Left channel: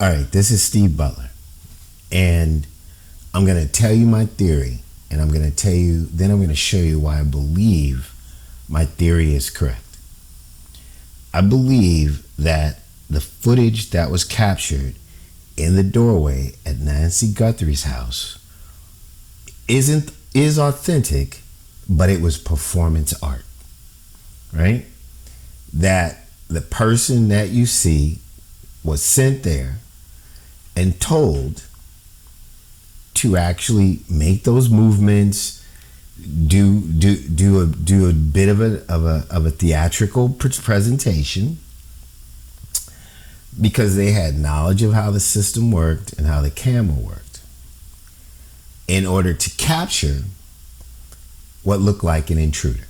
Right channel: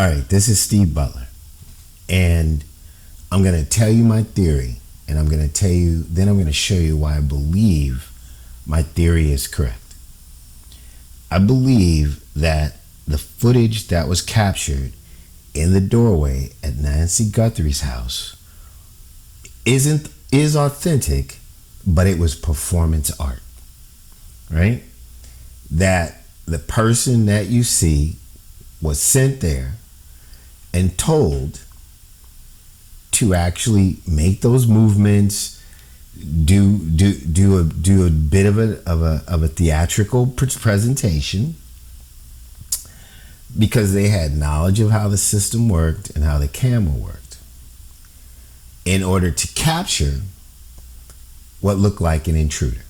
All right, this is Steve Butler, and I'm going to tell you my theory, and I'm going to tell you, then I'm going to show you why I believe my theory is correct. I believe that the footage that was captured in the doorway at Nancy Guthrie's house is authentic, but it was performance art, right? That the person that you see was sent there and told to actually make those movements, do a bit of a theatrical presentation, because they had knowledge of how the system worked and how the camera worked, in order to capture what looked like an intruder.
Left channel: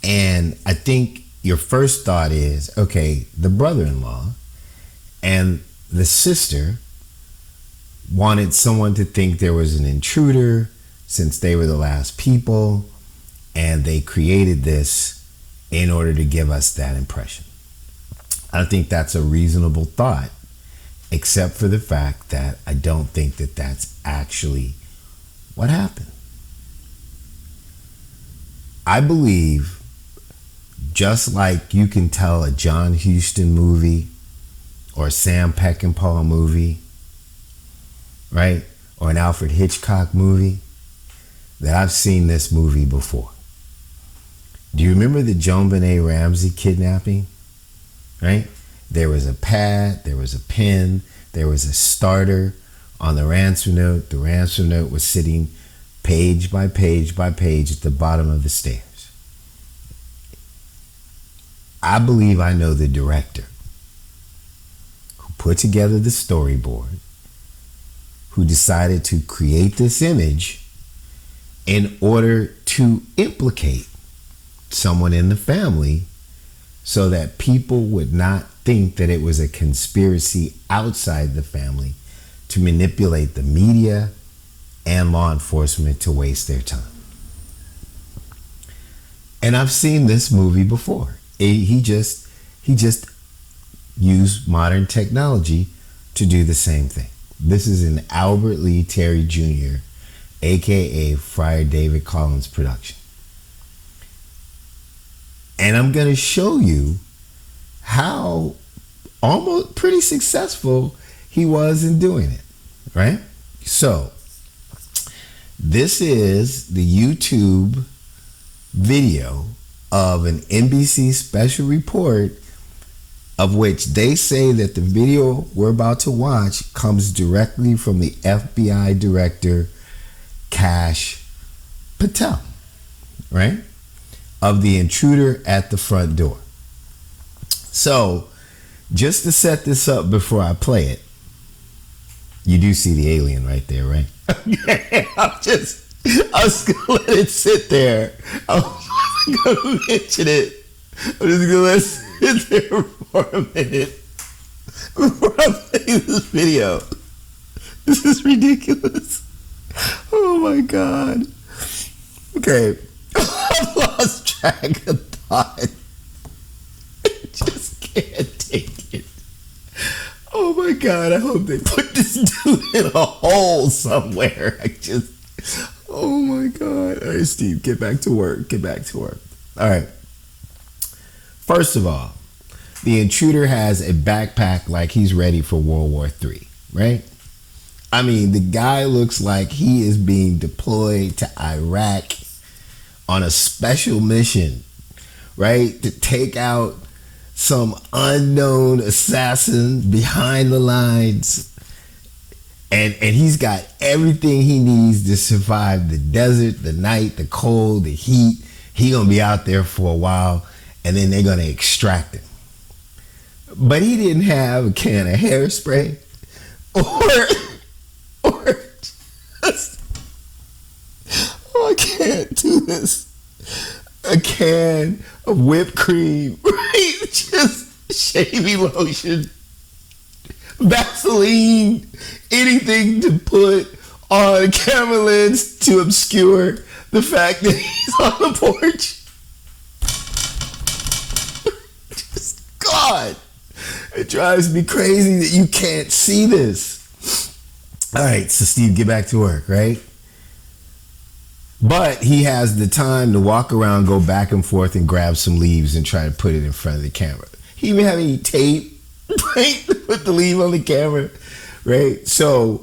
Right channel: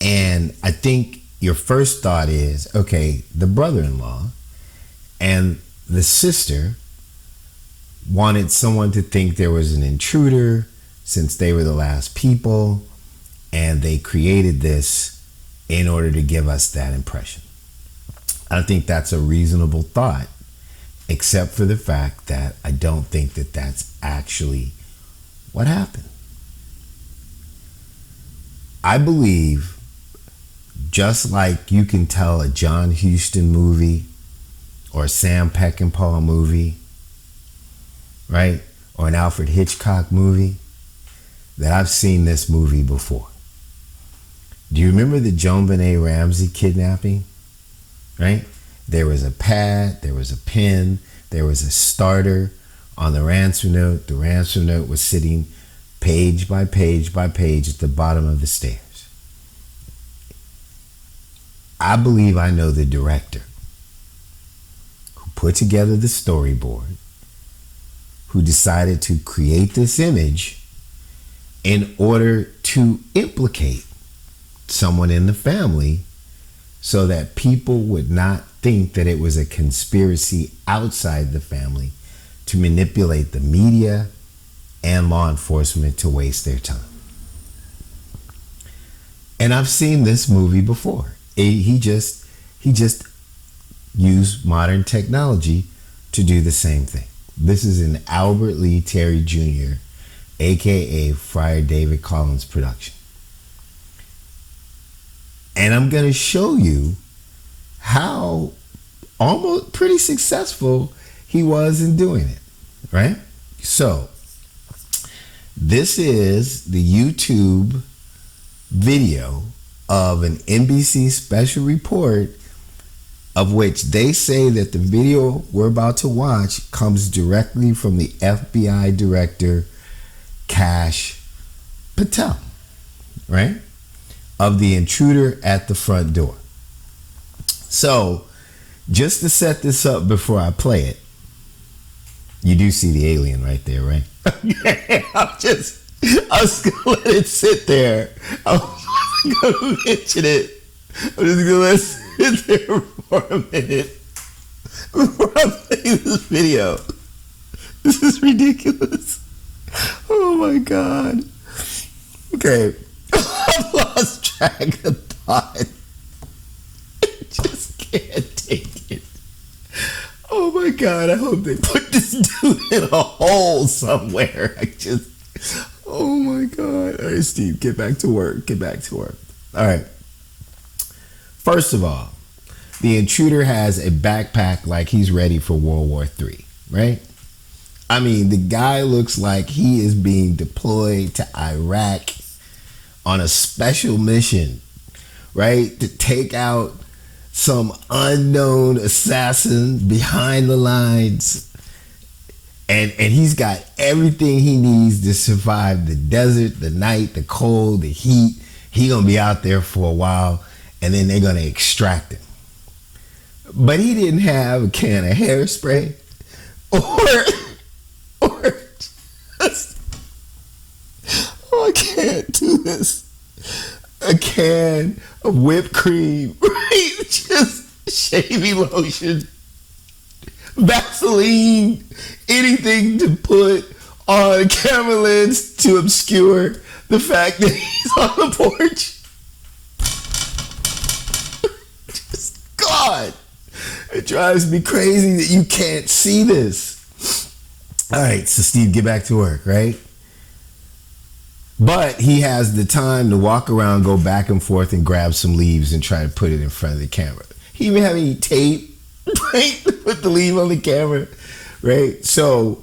And I think your first thought is, okay, the brother-in-law and the sister wanted someone to think there was an intruder since they were the last people, and they created this in order to give us that impression. I think that's a reasonable thought, except for the fact that I don't think that that's actually what happened. I believe, just like you can tell a John Huston movie or a Sam Peckinpah movie, right? Or an Alfred Hitchcock movie, that I've seen this movie before. Do you remember the Joan Benet Ramsey kidnapping? Right? There was a pad, there was a pen, there was a starter on the ransom note. The ransom note was sitting page by page by page at the bottom of the stairs. I believe I know the director who put together the storyboard, who decided to create this image in order to implicate someone in the family so that people would not think that it was a conspiracy outside the family to manipulate the media and law enforcement to waste their time. And I've seen this movie before. He just used modern technology to do the same thing. This is an Albert Lee Terry Jr., aka Friar David Collins production. And I'm going to show you how almost pretty successful he was in doing it, right? So, this is the YouTube video of an NBC special report, of which they say that the video we're about to watch comes directly from the FBI director, Kash Patel, right? Of the intruder at the front door. So, just to set this up before I play it, you do see the alien right there, right? I'm just gonna let it sit there. I'm gonna mention it. I'm just gonna let it sit there for a minute before I play this video. This is ridiculous. Oh my God. Okay. I've lost track of thought. I just can't take it. Oh my God, I hope they put this dude in a hole somewhere. Oh my God. All right, Steve, get back to work. All right. First of all, the intruder has a backpack like he's ready for World War III, right? I mean, the guy looks like he is being deployed to Iraq on a special mission, right? To take out some unknown assassin behind the lines. And he's got everything he needs to survive the desert, the night, the cold, the heat. He gonna be out there for a while, and then they're gonna extract him. But he didn't have a can of hairspray or just, oh, I can't do this. A can of whipped cream, right? Just shaving lotion, Vaseline, anything to put on a camera lens to obscure the fact that he's on the porch. Just God. It drives me crazy that you can't see this. All right, so Steve, get back to work, right? But he has the time to walk around, go back and forth, and grab some leaves and try to put it in front of the camera. He even have any tape, right? Put the leaf on the camera, right? So,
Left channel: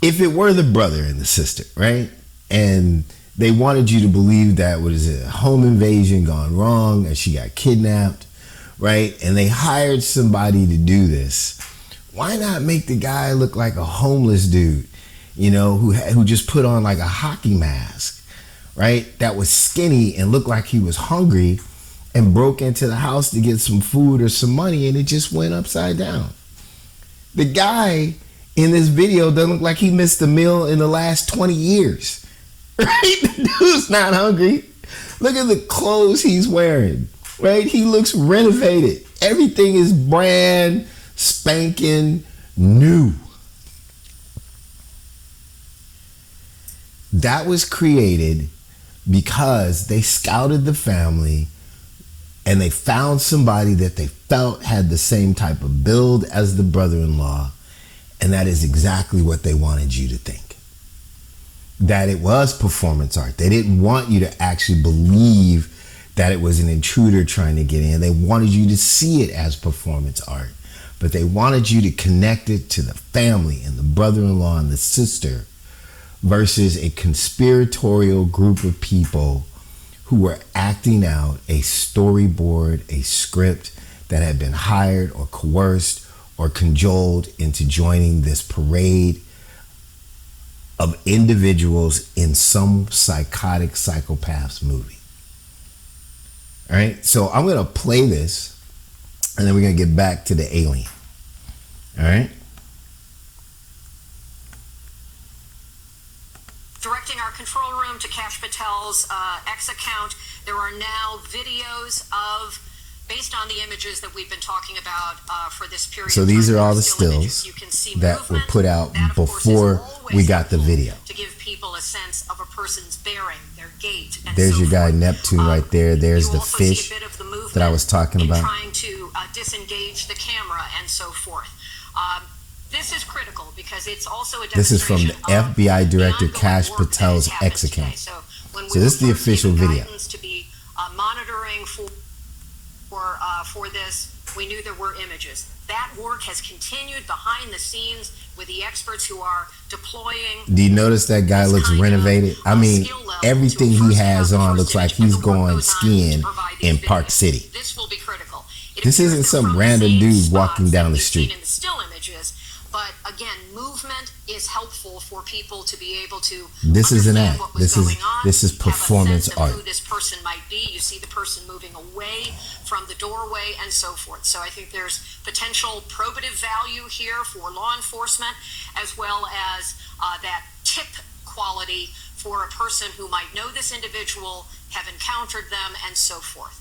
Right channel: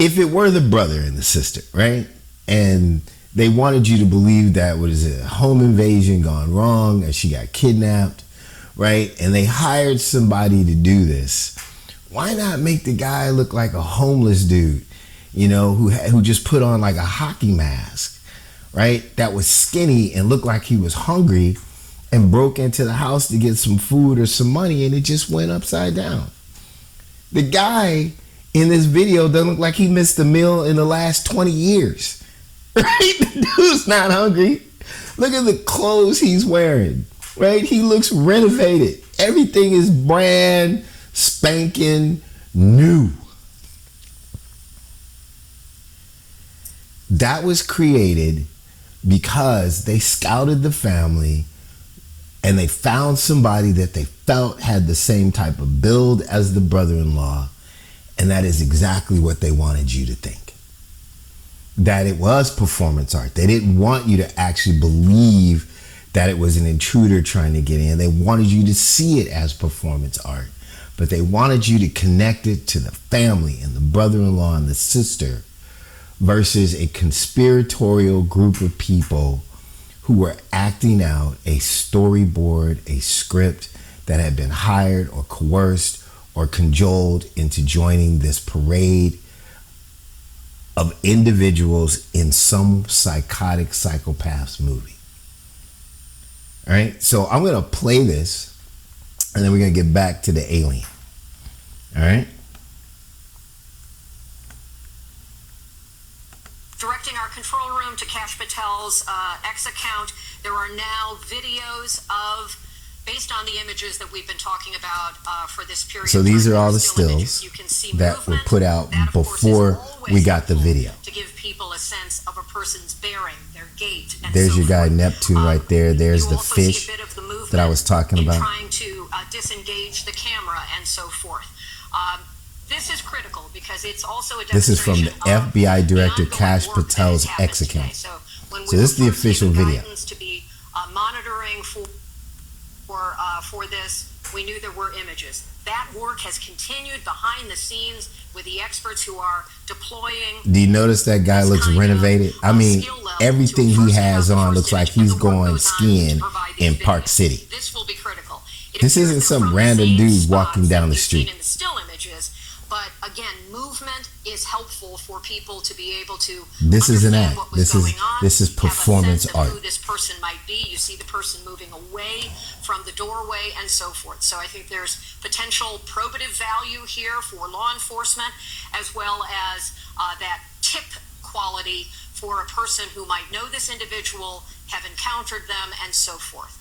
if it were the brother and the sister, right? And they wanted you to believe that was a home invasion gone wrong, that she got kidnapped, right? And they hired somebody to do this. Why not make the guy look like a homeless dude, you know, who just put on like a hockey mask, right? That was skinny and looked like he was hungry and broke into the house to get some food or some money, and it just went upside down. The guy in this video doesn't look like he missed a meal in the last 20 years. Right? The dude's not hungry. Look at the clothes he's wearing. Right? He looks renovated. Everything is brand spanking new. That was created because they scouted the family and they found somebody that they felt had the same type of build as the brother-in-law, and that is exactly what they wanted you to think. That it was performance art. They didn't want you to actually believe that it was an intruder trying to get in. They wanted you to see it as performance art, but they wanted you to connect it to the family and the brother-in-law and the sister versus a conspiratorial group of people who were acting out a storyboard, a script that had been hired or coerced or cajoled into joining this parade of individuals in some psychotic psychopath's movie. All right, so I'm going to play this, and then we're going to get back to the alien. All right? Directing our control room to Cash Patel's X account, there are now videos of, based on the images that we've been talking about for this period. So these are all the stills that were put out before we got the video. To give people a sense of a person's bearing, their gait, and there's so your guy forth. Neptune right there. There's the also see fish a bit of the movement that I was talking in about. trying to disengage the camera and so forth. This is critical because it's also a This is from the FBI Director Cash Patel's X account. So this is the official video. To be monitoring for this, we knew there were images. That work has continued behind the scenes with the experts who are deploying. Do you notice that guy looks renovated? I mean, everything he has on looks like he's going skiing in Park City. This will be critical. This isn't some random dude walking down the street. Still images, but again, movement is helpful for people to be able to. This is an act. This is performance art. Who this person might be. You see the person moving away from the doorway and so forth. So I think there's potential probative value here for law enforcement, as well as that tip quality for a person who might know this individual, have encountered them, and so forth.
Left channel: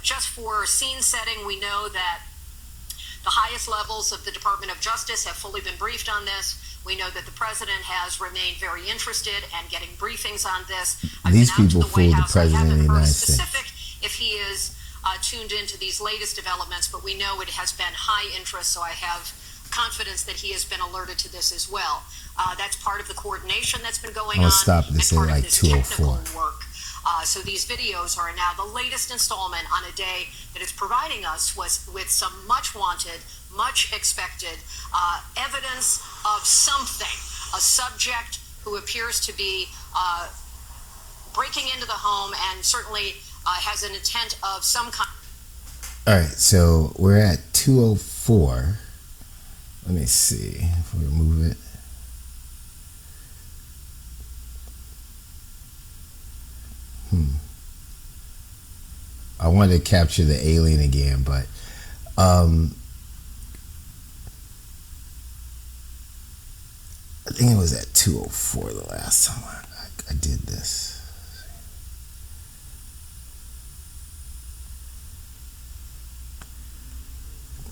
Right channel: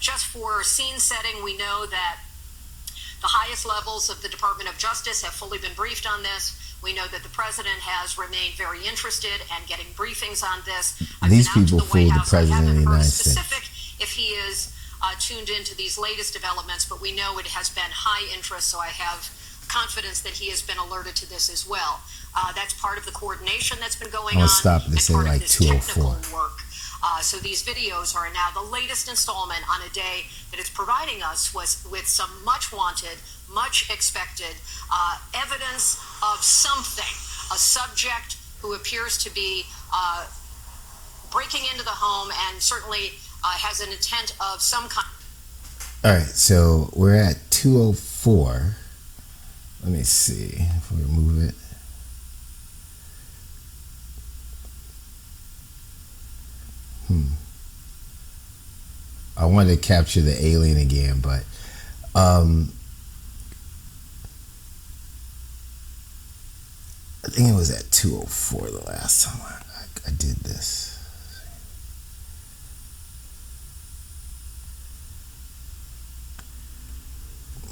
Just for scene setting, we know that the highest levels of the Department of Justice have fully been briefed on this. We know that the president has remained very interested in getting briefings on this. These people fool the president of the United States. If he is tuned into these latest developments, but we know it has been high interest, so I have confidence that he has been alerted to this as well. That's part of the coordination that's been going on. I'll stop this in like 2:04. Work. So these videos are now the latest installment on a day that is providing us with some much wanted, much expected evidence of something. A subject who appears to be breaking into the home and certainly has an intent of some kind. All right, so we're at 2:04. Let me see if we move it. I wanted to capture the alien again, but I think it was at 2:04 the last time I did this.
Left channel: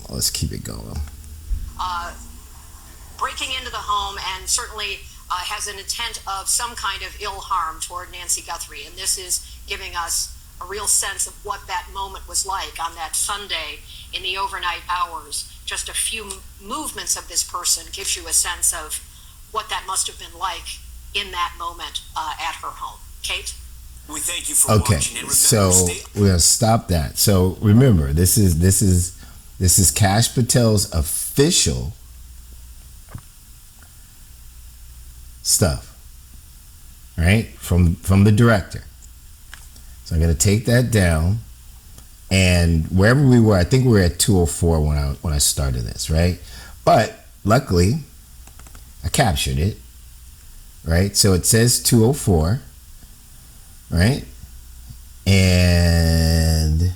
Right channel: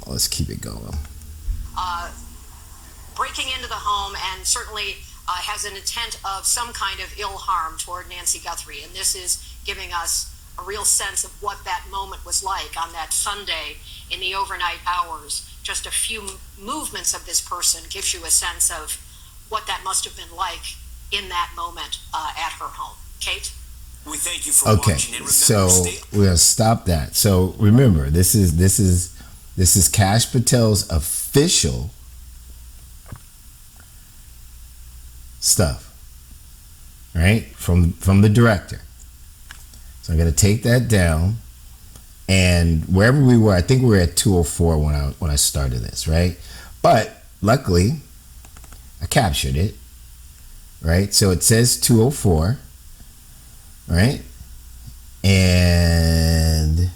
Well, let's keep it going. Breaking into the home and certainly has an intent of some kind of ill harm toward Nancy Guthrie, and this is giving us a real sense of what that moment was like on that Sunday in the overnight hours. Just a few movements of this person gives you a sense of what that must have been like in that moment at her home. Kate? We thank you for Okay, watching. And remember, so we're gonna stop that. So remember, this is Kash Patel's official stuff, right? From the director. So I'm gonna take that down, and wherever we were, I think we were at 204 when I started this, right? But luckily, I captured it, right? So it says 204, right? And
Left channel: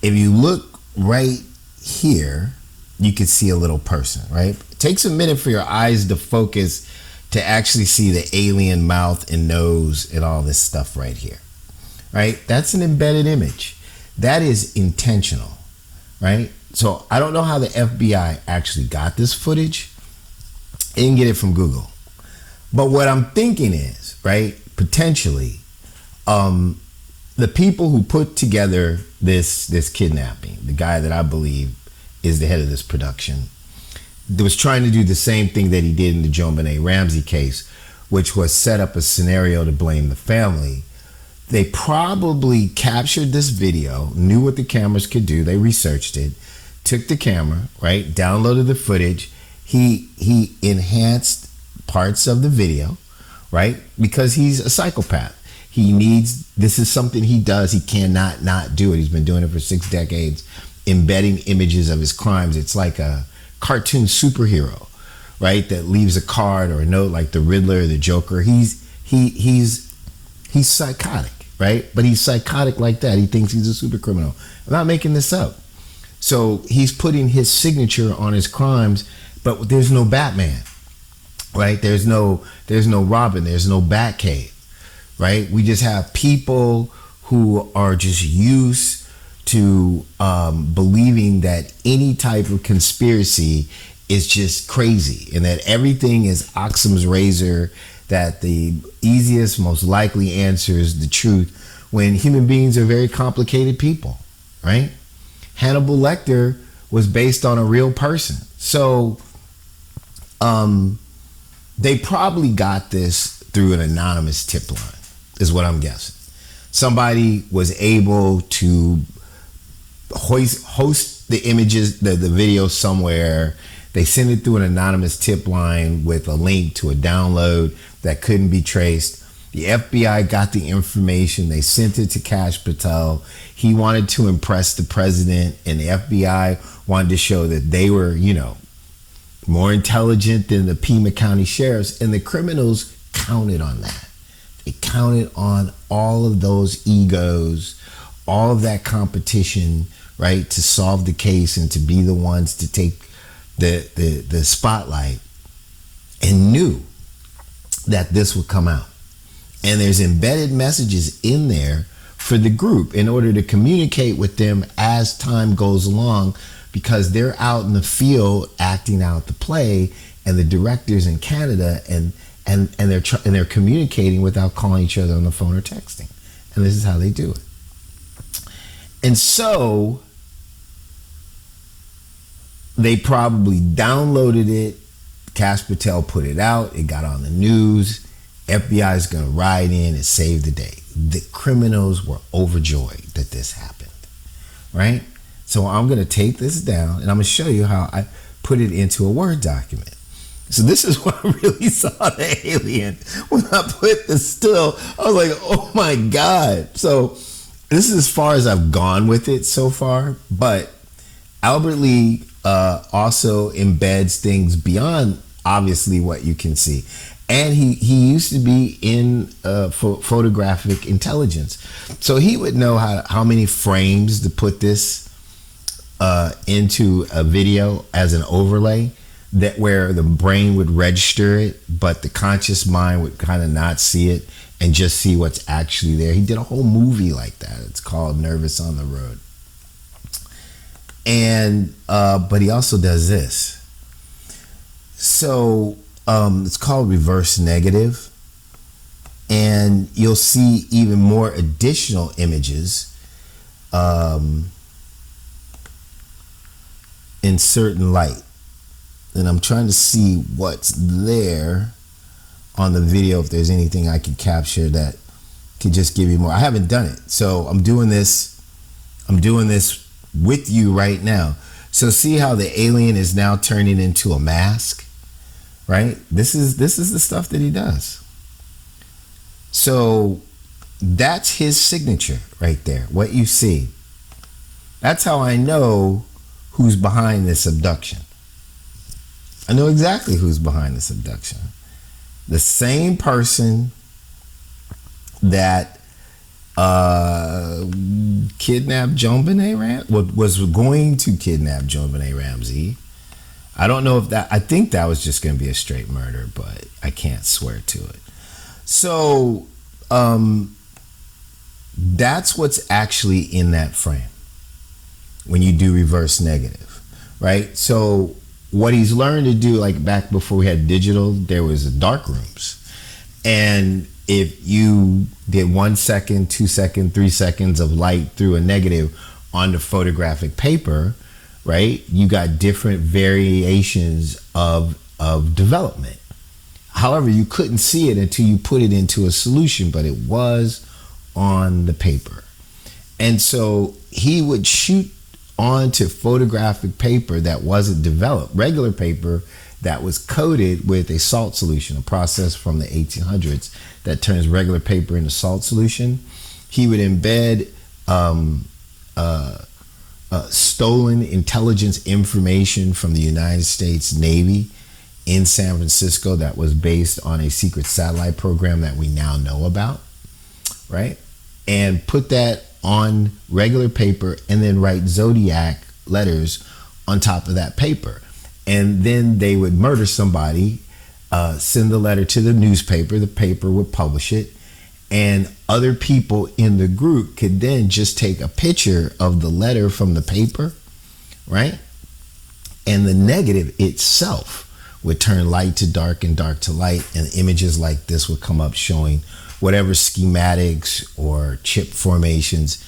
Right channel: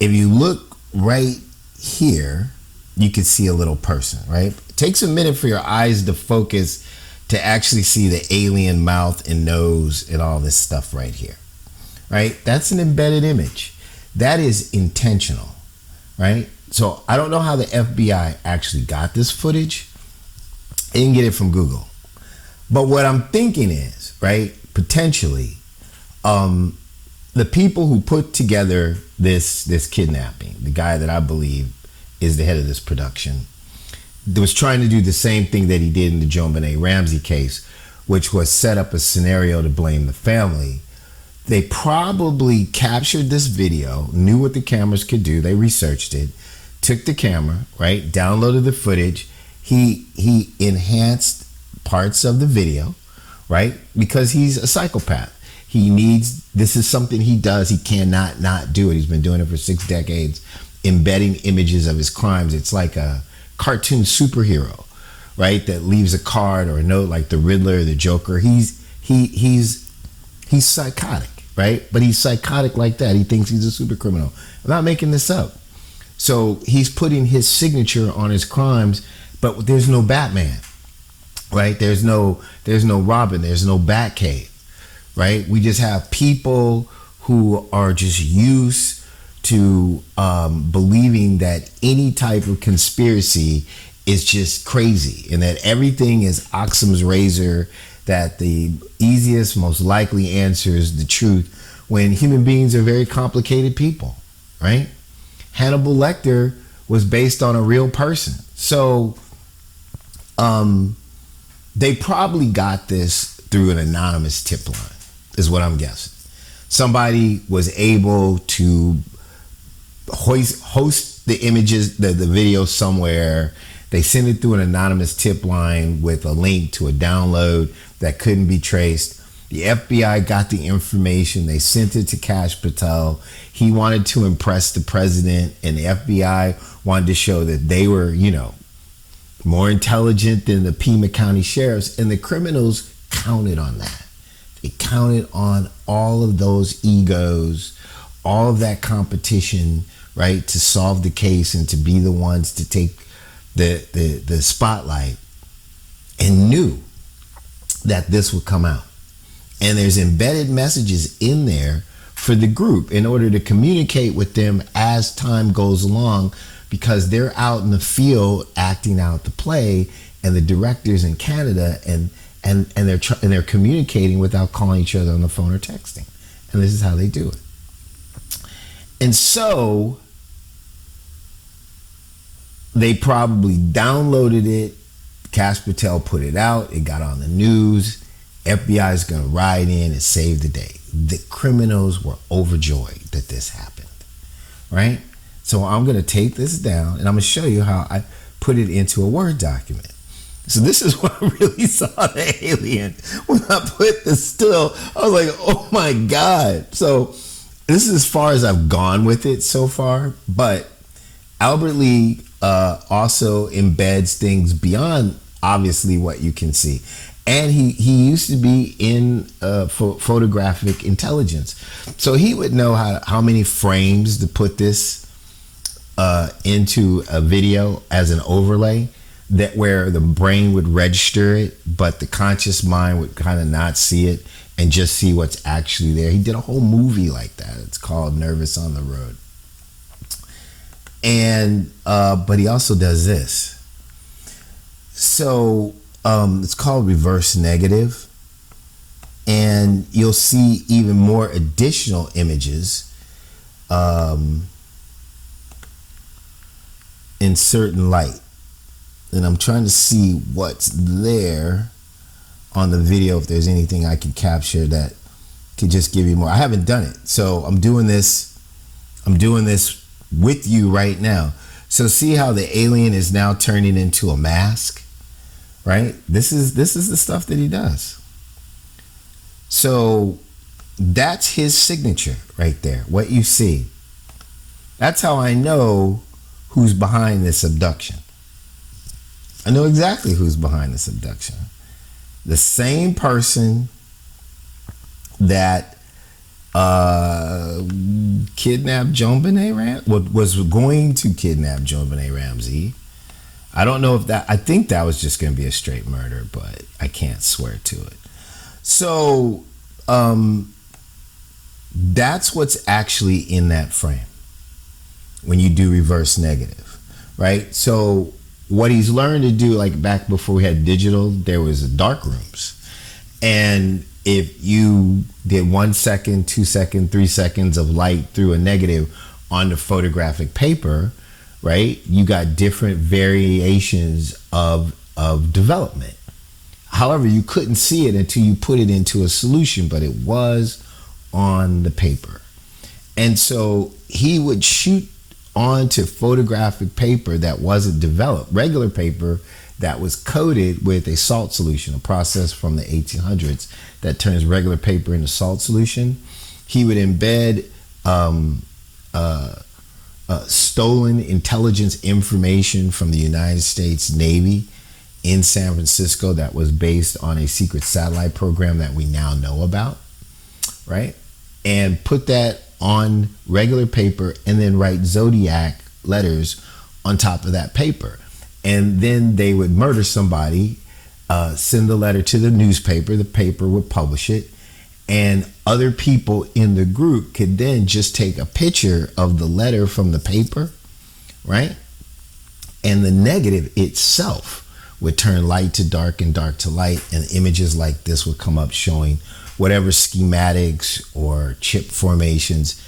if you look right here, you can see a little person, right? It takes a minute for your eyes to focus to actually see the alien mouth and nose and all this stuff right here, right? That's an embedded image. That is intentional, right? So I don't know how the FBI actually got this footage. They didn't get it from Google. But what I'm thinking is, right, potentially, the people who put together this kidnapping, the guy that I believe is the head of this production, was trying to do the same thing that he did in the JonBenet Ramsey case, which was set up a scenario to blame the family. They probably captured this video, knew what the cameras could do, they researched it, took the camera, right, downloaded the footage, he enhanced parts of the video, right, because he's a psychopath. He needs, this is something he does, he cannot not do it. He's been doing it for 6 decades, embedding images of his crimes. It's like a cartoon superhero, right, that leaves a card or a note like the Riddler or the Joker. He's psychotic, right? But he's psychotic like that. He thinks he's a super criminal. I'm not making this up. So he's putting his signature on his crimes, but there's no Batman, right? There's no Robin. There's no Batcave, right? We just have people who are just used to believing that any type of conspiracy is just crazy and that everything is Occam's razor, that the easiest, most likely answer is the truth, when human beings are very complicated people, right? Hannibal Lecter was based on a real person. So they probably got this through an anonymous tip line, is what I'm guessing. Somebody was able to host the images, the video somewhere. They sent it through an anonymous tip line with a link to a download that couldn't be traced. The FBI got the information. They sent it to Kash Patel. He wanted to impress the president, and the FBI wanted to show that they were, more intelligent than the Pima County sheriffs, and the criminals counted on that. They counted on all of those egos, all of that competition, right, to solve the case and to be the ones to take the spotlight, and knew that this would come out. And there's embedded messages in there for the group in order to communicate with them as time goes along, because they're out in the field acting out the play, and the directors in Canada and they're communicating without calling each other on the phone or texting. And this is how they do it. And so they probably downloaded it. Kash Patel put it out. It got on the news. FBI is going to ride in and save the day. The criminals were overjoyed that this happened, right? So I'm going to take this down, and I'm going to show you how I put it into a Word document. So this is what I really saw the alien. When I put this still, I was like, oh my God. So this is as far as I've gone with it so far, but Albert Lee also embeds things beyond obviously what you can see. And he used to be in photographic intelligence. So he would know how many frames to put this into a video as an overlay, that where the brain would register it, but the conscious mind would kind of not see it and just see what's actually there. He did a whole movie like that. It's called Nervous on the Road. And but he also does this. So it's called reverse negative. And you'll see even more additional images in certain light. And I'm trying to see what's there on the video, if there's anything I can capture that can just give you more. I haven't done it, so I'm doing this with you right now. So see how the alien is now turning into a mask, right? This is the stuff that he does. So that's his signature right there. What you see. That's how I know who's behind this abduction. I know exactly who's behind this abduction. The same person that kidnapped JonBenet Ramsey, was going to kidnap JonBenet Ramsey. I don't know if I think that was just going to be a straight murder, but I can't swear to it. So that's what's actually in that frame when you do reverse negative, right? So what he's learned to do, like back before we had digital, there was dark rooms. And if you did 1 second, 2 seconds, 3 seconds of light through a negative on the photographic paper, right, you got different variations of development. However, you couldn't see it until you put it into a solution, but it was on the paper. And so he would shoot onto photographic paper that wasn't developed, regular paper that was coated with a salt solution, a process from the 1800s that turns regular paper into salt solution. He would embed stolen intelligence information from the United States Navy in San Francisco that was based on a secret satellite program that we now know about, right? And put that on regular paper and then write zodiac letters on top of that paper. And then they would murder somebody, send the letter to the newspaper, the paper would publish it, and other people in the group could then just take a picture of the letter from the paper, right? And the negative itself would turn light to dark and dark to light, and images like this would come up showing whatever schematics or chip formations,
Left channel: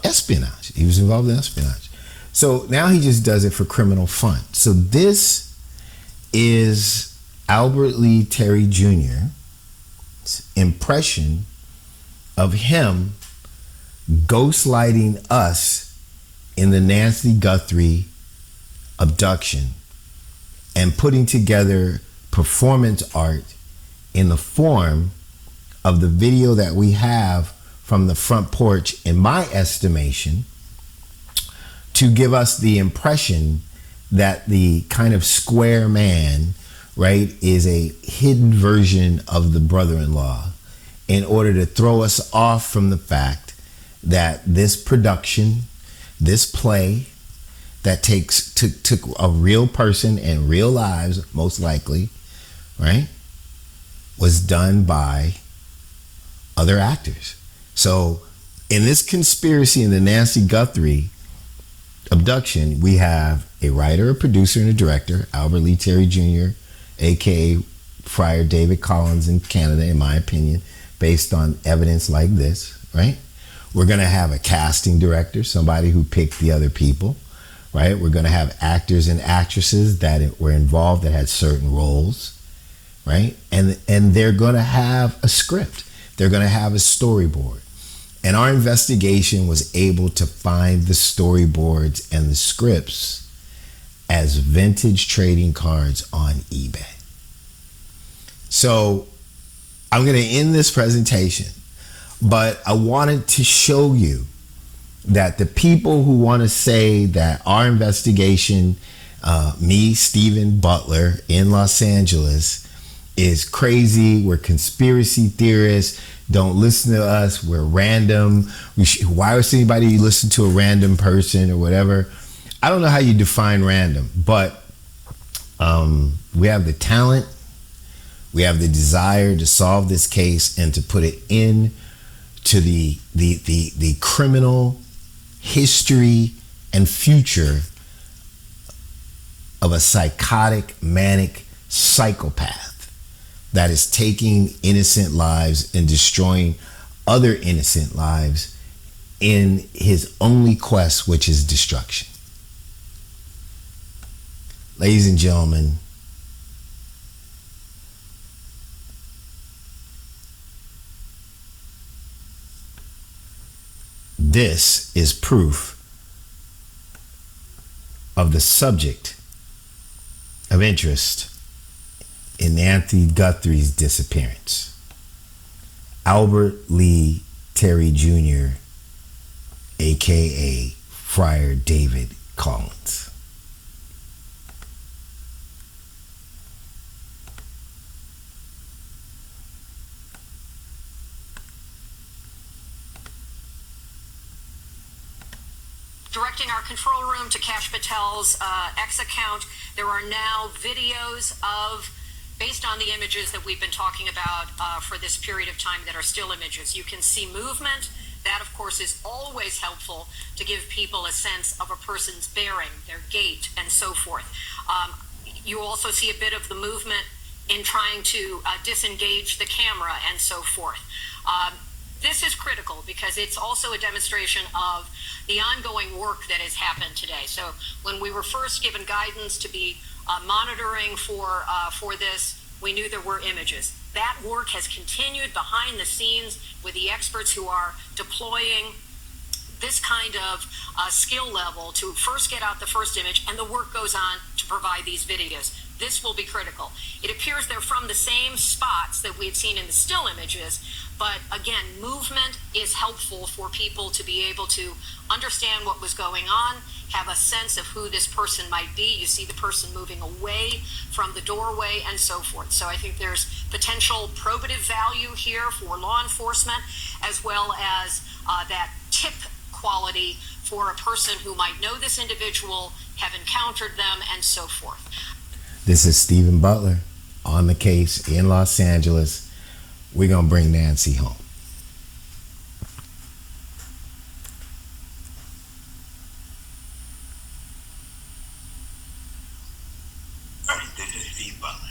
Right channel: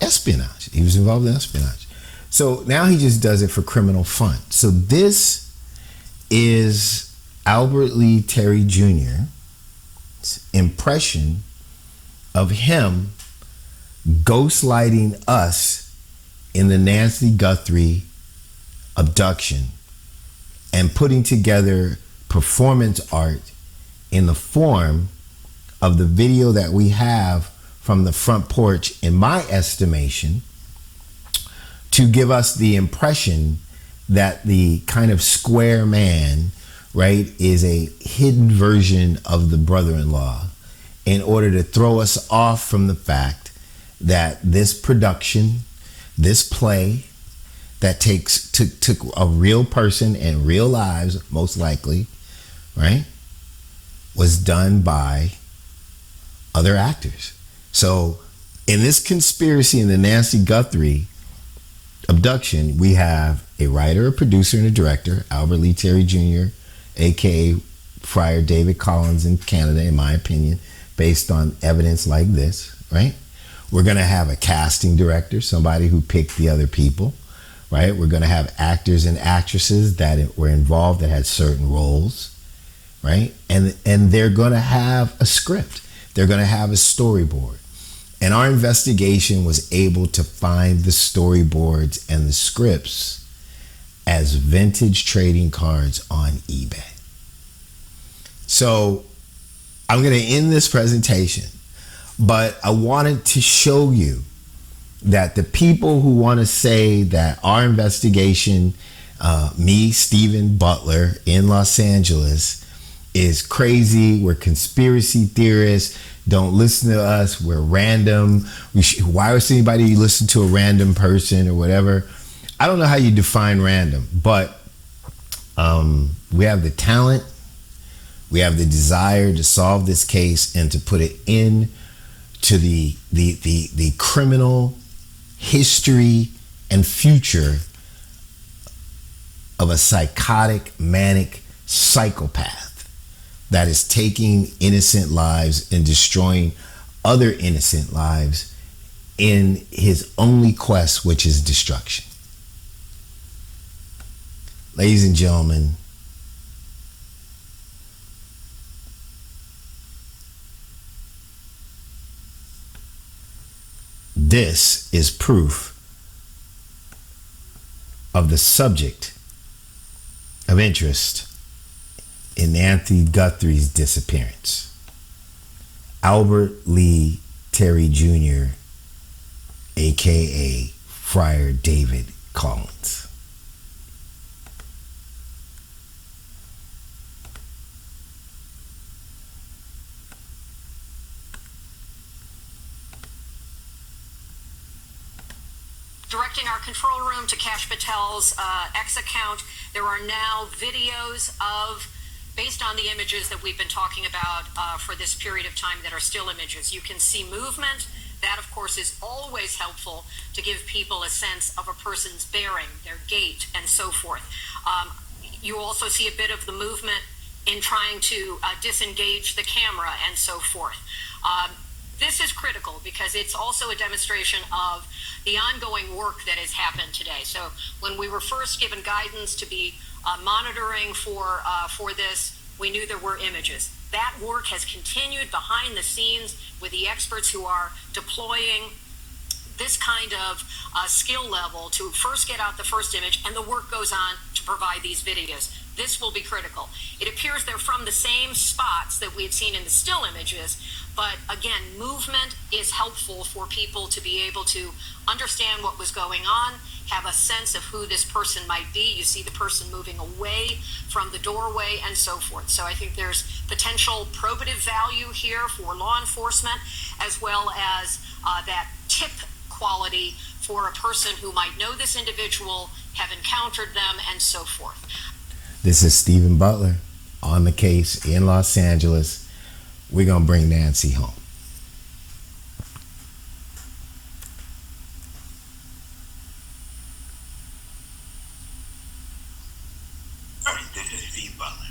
espionage. He was involved in espionage. So now he just does it for criminal fun. So this is Albert Lee Terry Jr.'s impression of him ghostlighting us in the Nancy Guthrie abduction and putting together performance art in the form of the video that we have from the front porch, in my estimation, to give us the impression that the kind of square man, right, is a hidden version of the brother-in-law, in order to throw us off from the fact that this production, this play that took a real person and real lives, most likely, right, was done by other actors. So in this conspiracy in the Nancy Guthrie abduction, we have a writer, a producer, and a director, Albert Lee Terry Jr., aka Friar David Collins in Canada, in my opinion, based on evidence like this, right? We're going to have a casting director, somebody who picked the other people, right? We're going to have actors and actresses that were involved that had certain roles, right? And they're going to have a script. They're going to have a storyboard. And our investigation was able to find the storyboards and the scripts as vintage trading cards on eBay. So I'm going to end this presentation, but I wanted to show you that the people who want to say that our investigation, me, Stephen Butler in Los Angeles, is crazy, we're conspiracy theorists, don't listen to us, we're random, why would anybody listen to a random person or whatever? I don't know how you define random, but we have the talent, we have the desire to solve this case and to put it into the criminal history and future of a psychotic, manic psychopath that is taking innocent lives and destroying other innocent lives in his only quest, which is destruction. Ladies and gentlemen, this is proof of the subject of interest in Anthony Guthrie's disappearance. Albert Lee Terry Jr., aka Friar David Collins. Directing our control room to Cash Patel's X account, there are now videos of, based on the images that we've been talking about for this period of time that are still images. You can see movement. That, of course, is always helpful to give people a sense of a person's bearing, their gait, and so forth. You also see a bit of the movement in trying to disengage the camera and so forth. This is critical because it's also a demonstration of the ongoing work that has happened today. So when we were first given guidance to be monitoring for this, we knew there were images. That work has continued behind the scenes with the experts who are deploying this kind of skill level to first get out the first image, and the work goes on to provide these videos. This will be critical. It appears they're from the same spots that we've seen in the still images, but again, movement is helpful for people to be able to understand what was going on, have a sense of who this person might be. You see the person moving away from the doorway and so forth. So I think there's potential probative value here for law enforcement, as well as that tip quality for a person who might know this individual, have encountered them, and so forth. This is Stephen Butler on the case in Los Angeles. We're going to bring Nancy home. This is Steve Butler.